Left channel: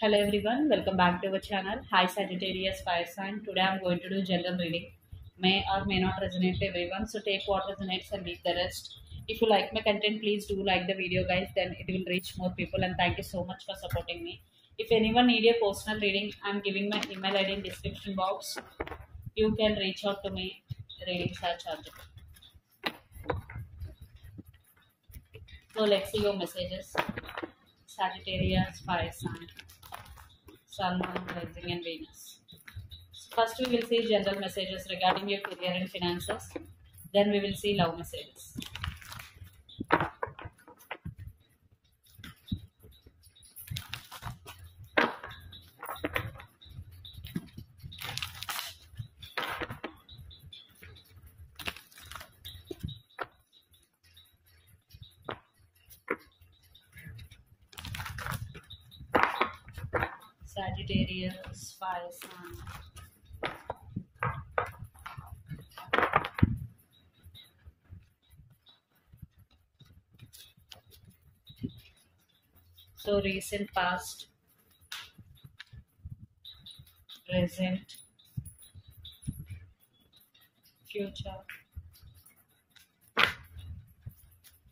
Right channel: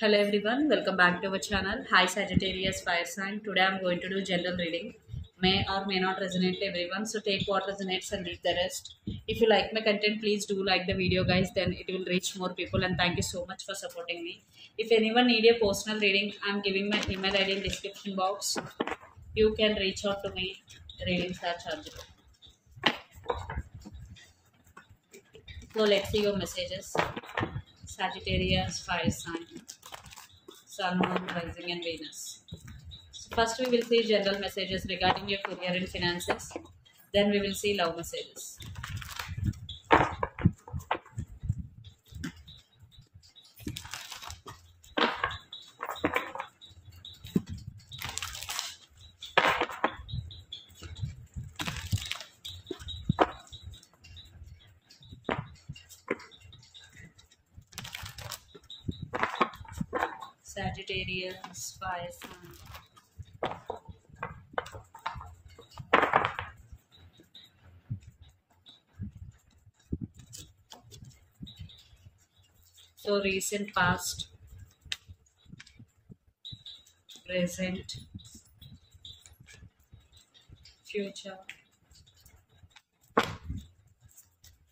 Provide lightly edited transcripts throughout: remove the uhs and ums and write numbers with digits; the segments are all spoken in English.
Hello everyone, welcome back to our channel. Hi Sagittarius Fire Sign. Today I'm going to do general reading. May or may not resonate to everyone, so take what resonates and leave the rest. If you like my content, please do like the video, guys. Then it will reach more people. And thank you so much for supporting me. If anyone need a personal reading, I'm giving my email ID in description box. You can reach out to me. Readings are chargeable. So let's see your messages. Sagittarius Fire Sign. Sun, Moon, Rising and Venus. So first we will see general messages regarding your career and finances. Then we will see love messages. Sagittarius, Fire Sign. So recent past, present, future,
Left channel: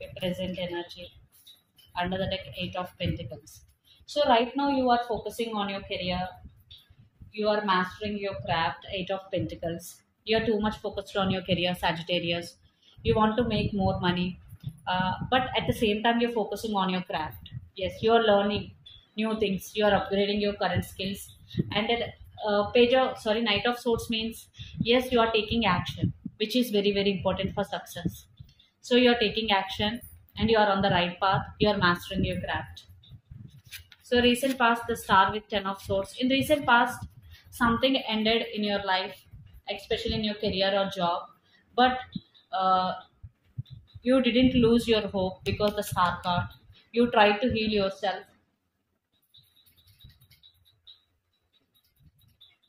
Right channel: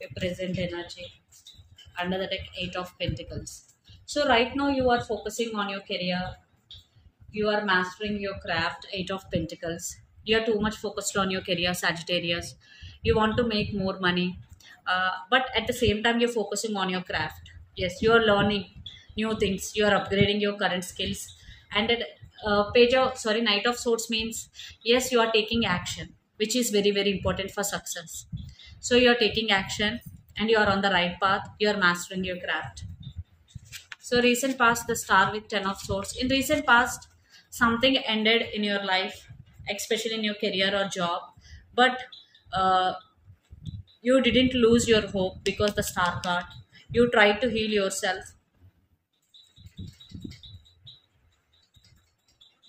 your present energy. Under the deck, Eight of Pentacles. So right now you are focusing on your career. You are mastering your craft, Eight of Pentacles. You are too much focused on your career, Sagittarius. You want to make more money. But at the same time, you're focusing on your craft. Yes, you are learning new things. You are upgrading your current skills. And at Knight of Swords means, yes, you are taking action, which is very, very important for success. So you are taking action and you are on the right path. You are mastering your craft. So recent past, the Star with Ten of Swords. In recent past, something ended in your life, especially in your career or job, but you didn't lose your hope because the Star card. You tried to heal yourself,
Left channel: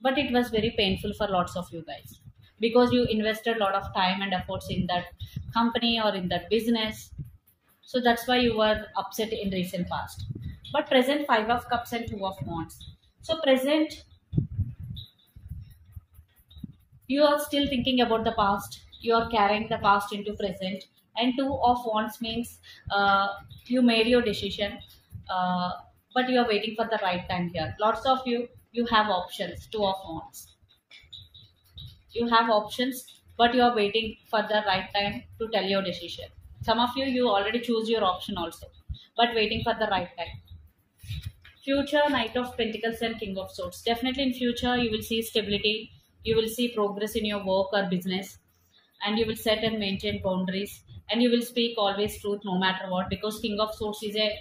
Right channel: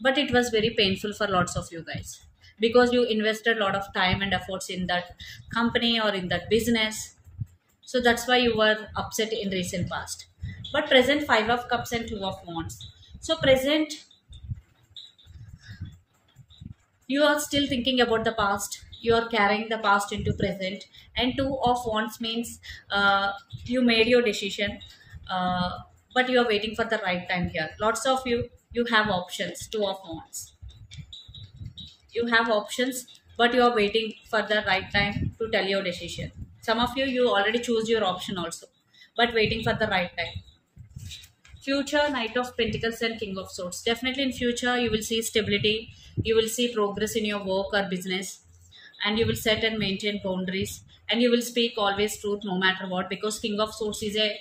but it was very painful for lots of you guys because you invested a lot of time and efforts in that company or in that business. So that's why you were upset in recent past. But present, Five of Cups and Two of Wands. So present, you are still thinking about the past. You are carrying the past into present. And Two of Wands means you made your decision, uh, but you are waiting for the right time here. Lots of you have options. Two of Wands. You have options, but you are waiting for the right time to tell your decision. Some of you already choose your option also, but waiting for the right time. Future, Knight of Pentacles and King of Swords. Definitely in future, you will see stability. You will see progress in your work or business. And you will set and maintain boundaries. And you will speak always truth no matter what. Because King of Swords is a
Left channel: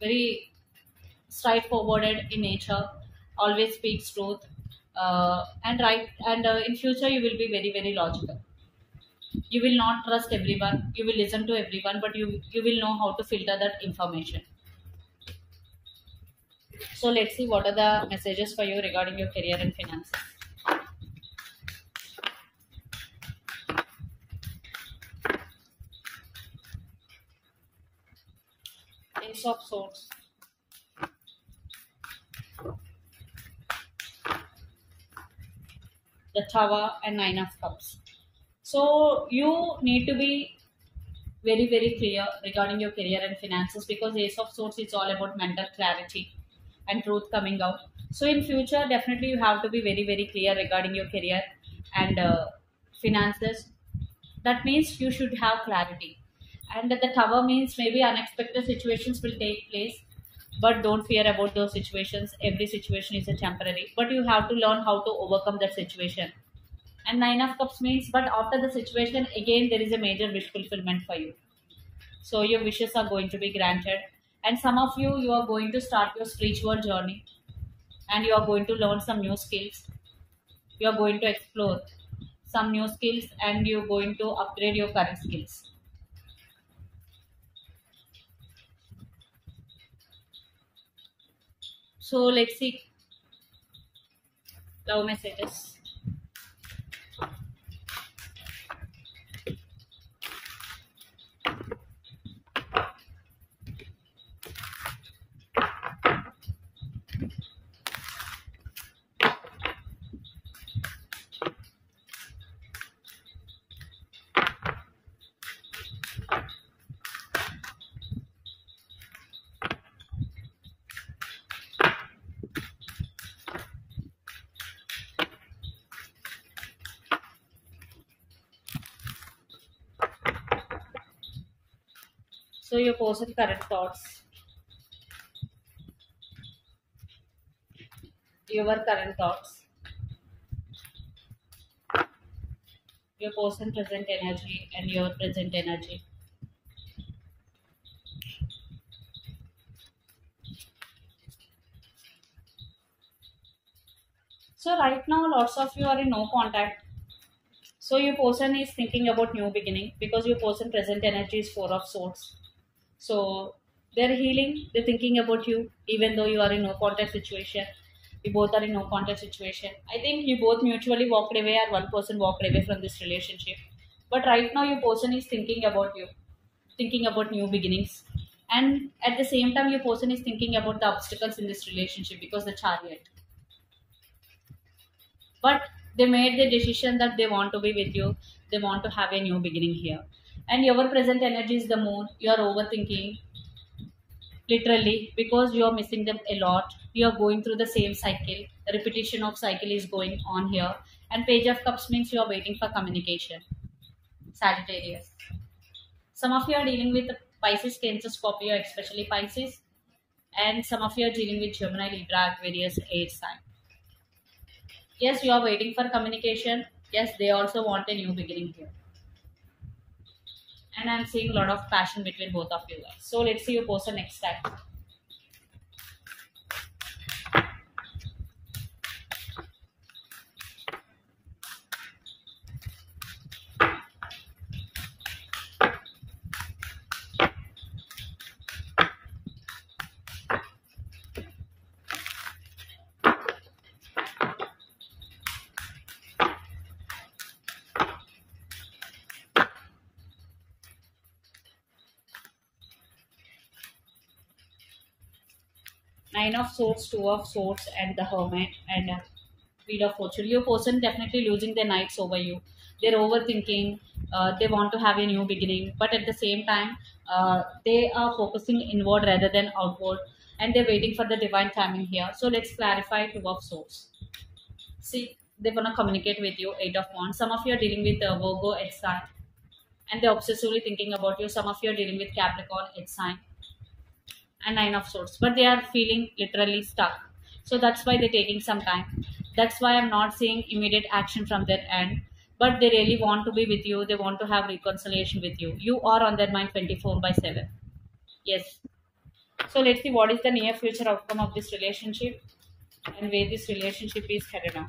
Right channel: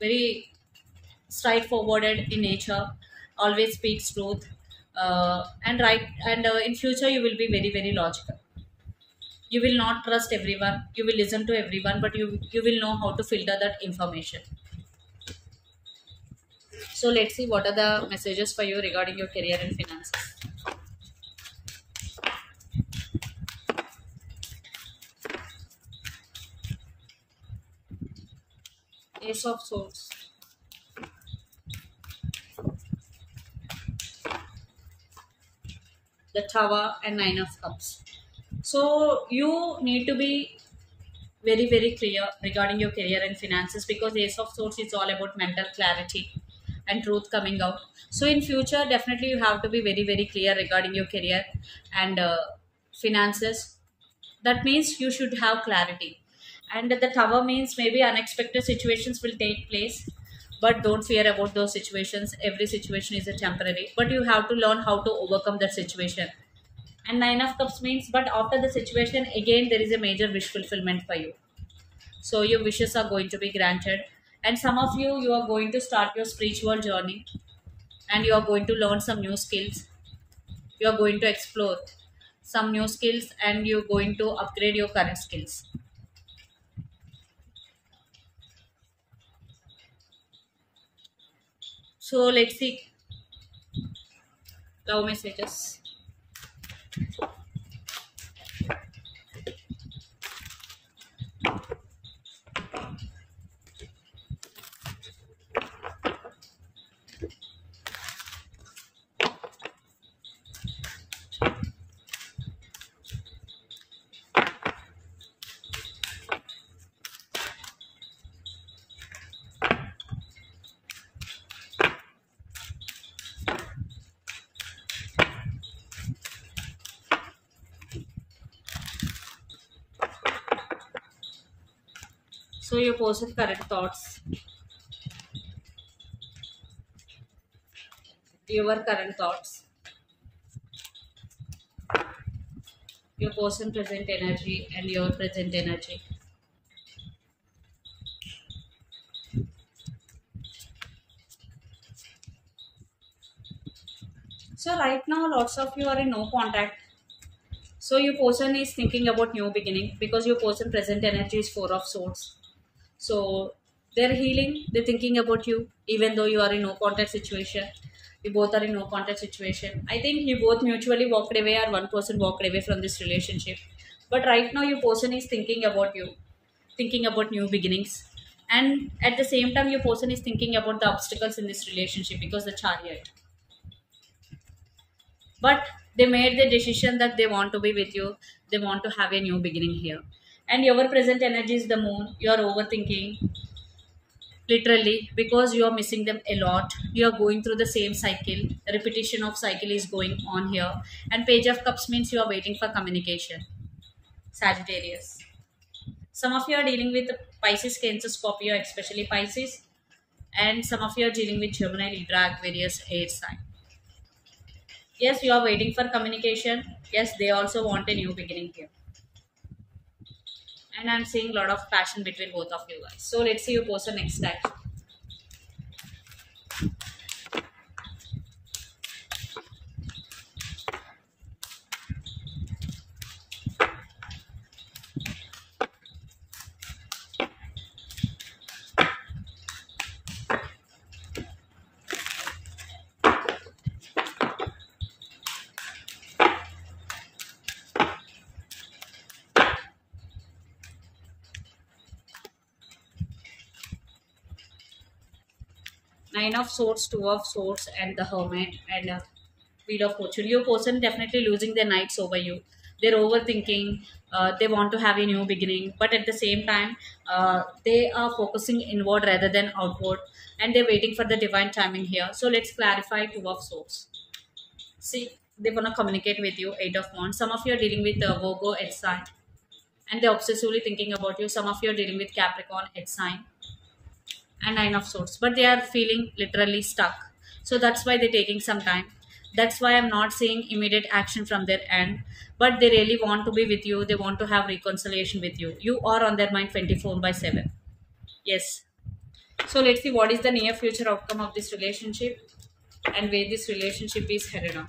very straightforward in nature. Always speaks truth. And in future, you will be very, very logical. You will not trust everyone. You will listen to everyone. But you will know how to filter that information. So let's see what are the messages for you regarding your career and finances. Ace of Swords. The Tower and Nine of Cups. So you need to be very, very clear regarding your career and finances because Ace of Swords is all about mental clarity and truth coming out. So in future, definitely you have to be very, very clear regarding your career and finances. That means you should have clarity. And the Tower means maybe unexpected situations will take place, but don't fear about those situations. Every situation is a temporary, but you have to learn how to overcome that situation. And Nine of Cups means, but after the situation, again, there is a major wish fulfillment for you. So your wishes are going to be granted. And some of you are going to start your spiritual journey and you are going to learn some new skills. You are going to explore some new skills and you're going to upgrade your current skills. So let's see love messages. So your person current thoughts, your current thoughts, your person present energy and your present energy. So right now lots of you are in no contact. So your person is thinking about new beginning because your person present energy is four of swords. So they're healing, they're thinking about you even though you are in no contact situation. You both are in no contact situation. I think you both mutually walked away or one person walked away from this relationship. But right now your person is thinking about you, thinking about new beginnings. And at the same time your person is thinking about the obstacles in this relationship because the chariot. But they made the decision that they want to be with you, they want to have a new beginning here. And your present energy is the moon. You are overthinking literally because you are missing them a lot. You are going through the same cycle, repetition of cycle is going on here. And page of cups means you are waiting for communication, Sagittarius. Some of you are dealing with Pisces, Cancer, Scorpio, especially Pisces. And some of you are dealing with Gemini, Libra, Aquarius, air sign. Yes, you are waiting for communication. Yes, they also want a new beginning here. And I'm seeing a lot of passion between both of you guys. So let's see your person next time. Nine of Swords, Two of Swords, and the Hermit, and Wheel of Fortune. Your person definitely losing their nights over you. They're overthinking. They want to have a new beginning, but at the same time, they are focusing inward rather than outward, and they're waiting for the divine timing here. So let's clarify Two of Swords. See, they want to communicate with you. Eight of Wands. Some of you are dealing with Virgo, Earth sign, and they're obsessively thinking about you. Some of you are dealing with Capricorn, Earth sign, and Nine of Swords, but they are feeling literally stuck. So that's why they're taking some time. That's why I'm not seeing immediate action from their end, but they really want to be with you. They want to have reconciliation with you. You are on their mind 24/7. Yes. So let's see what is the near future outcome of this relationship and where this relationship is headed on.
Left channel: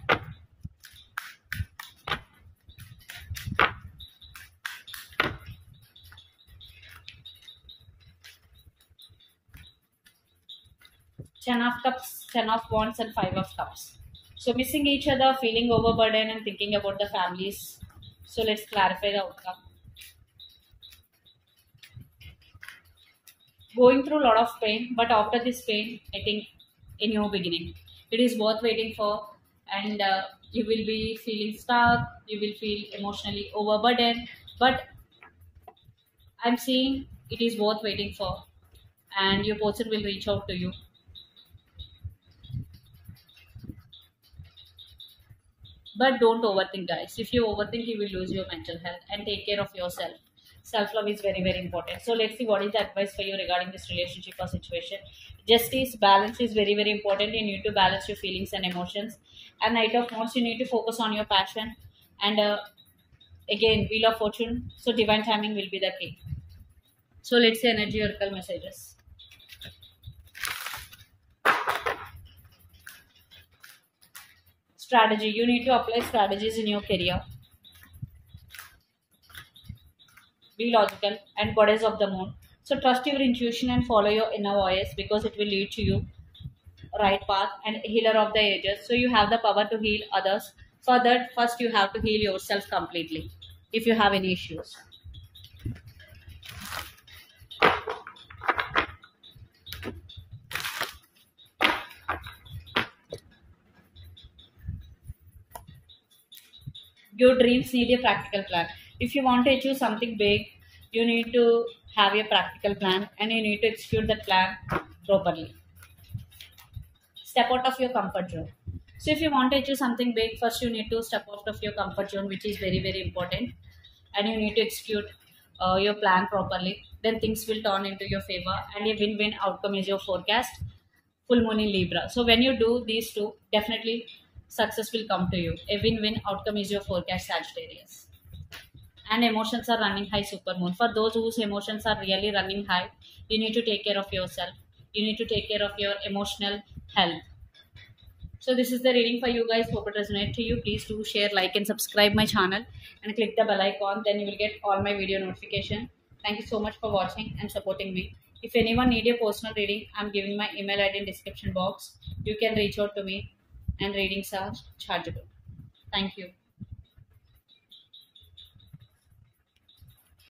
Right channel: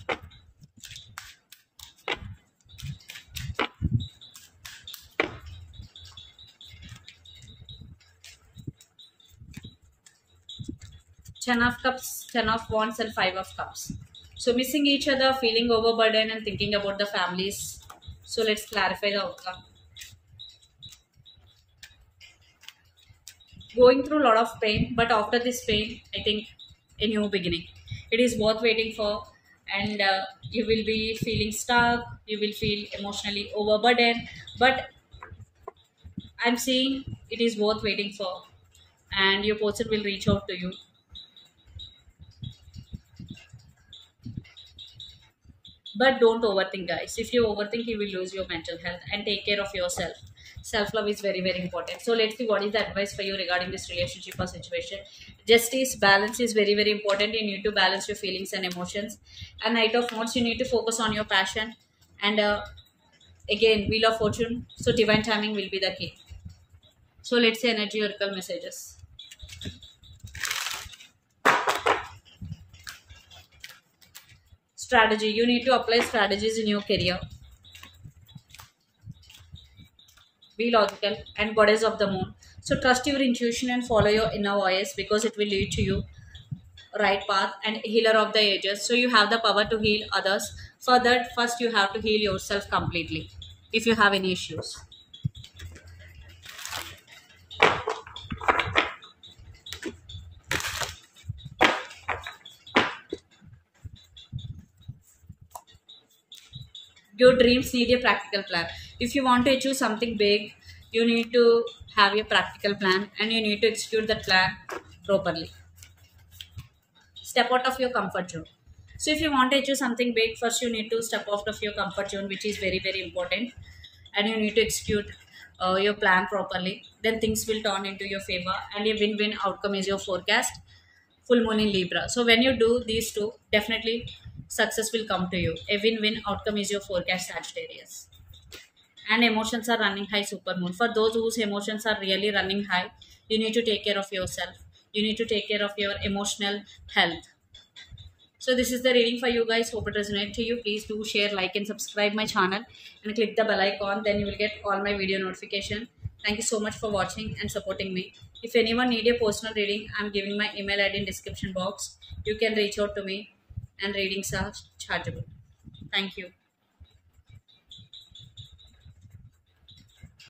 Ten of Cups, Ten of Wands, and Five of Cups. So missing each other, feeling overburdened, and thinking about the families. So let's clarify the outcome. Going through a lot of pain, but after this pain, I think a new beginning. It is worth waiting for, and you will be feeling stuck. You will feel emotionally overburdened, but I'm seeing it is worth waiting for, and your person will reach out to you. But don't overthink, guys. If you overthink, you will lose your mental health, and take care of yourself. Self love is very, very important. So, let's see what is the advice for you regarding this relationship or situation. Justice, balance is very, very important. You need to balance your feelings and emotions. And Knight of Wands, you need to focus on your passion. And again, Wheel of Fortune. So, divine timing will be the key. So, let's see energy oracle messages. Strategy. You need to apply strategies in your career. Be logical, and Goddess of the Moon. So trust your intuition and follow your inner voice because it will lead to you right path. And Healer of the Ages. So you have the power to heal others. For that, first you have to heal yourself completely if you have any issues. Your dreams need a practical plan. If you want to achieve something big, you need to have a practical plan and you need to execute that plan properly. Step out of your comfort zone. So if you want to achieve something big, first you need to step out of your comfort zone, which is very, very important, and you need to execute your plan properly, then things will turn into your favor, and a win-win outcome is your forecast. Full moon in Libra. So when you do these two, definitely success will come to you. A win-win outcome is your forecast, Sagittarius. And emotions are running high, super moon. For those whose emotions are really running high, you need to take care of yourself. You need to take care of your emotional health. So this is the reading for you guys. Hope it resonates to you. Please do share, like and subscribe my channel and click the bell icon. Then you will get all my video notification. Thank you so much for watching and supporting me. If anyone need a personal reading, I'm giving my email ID in description box. You can reach out to me and readings are chargeable. Thank you.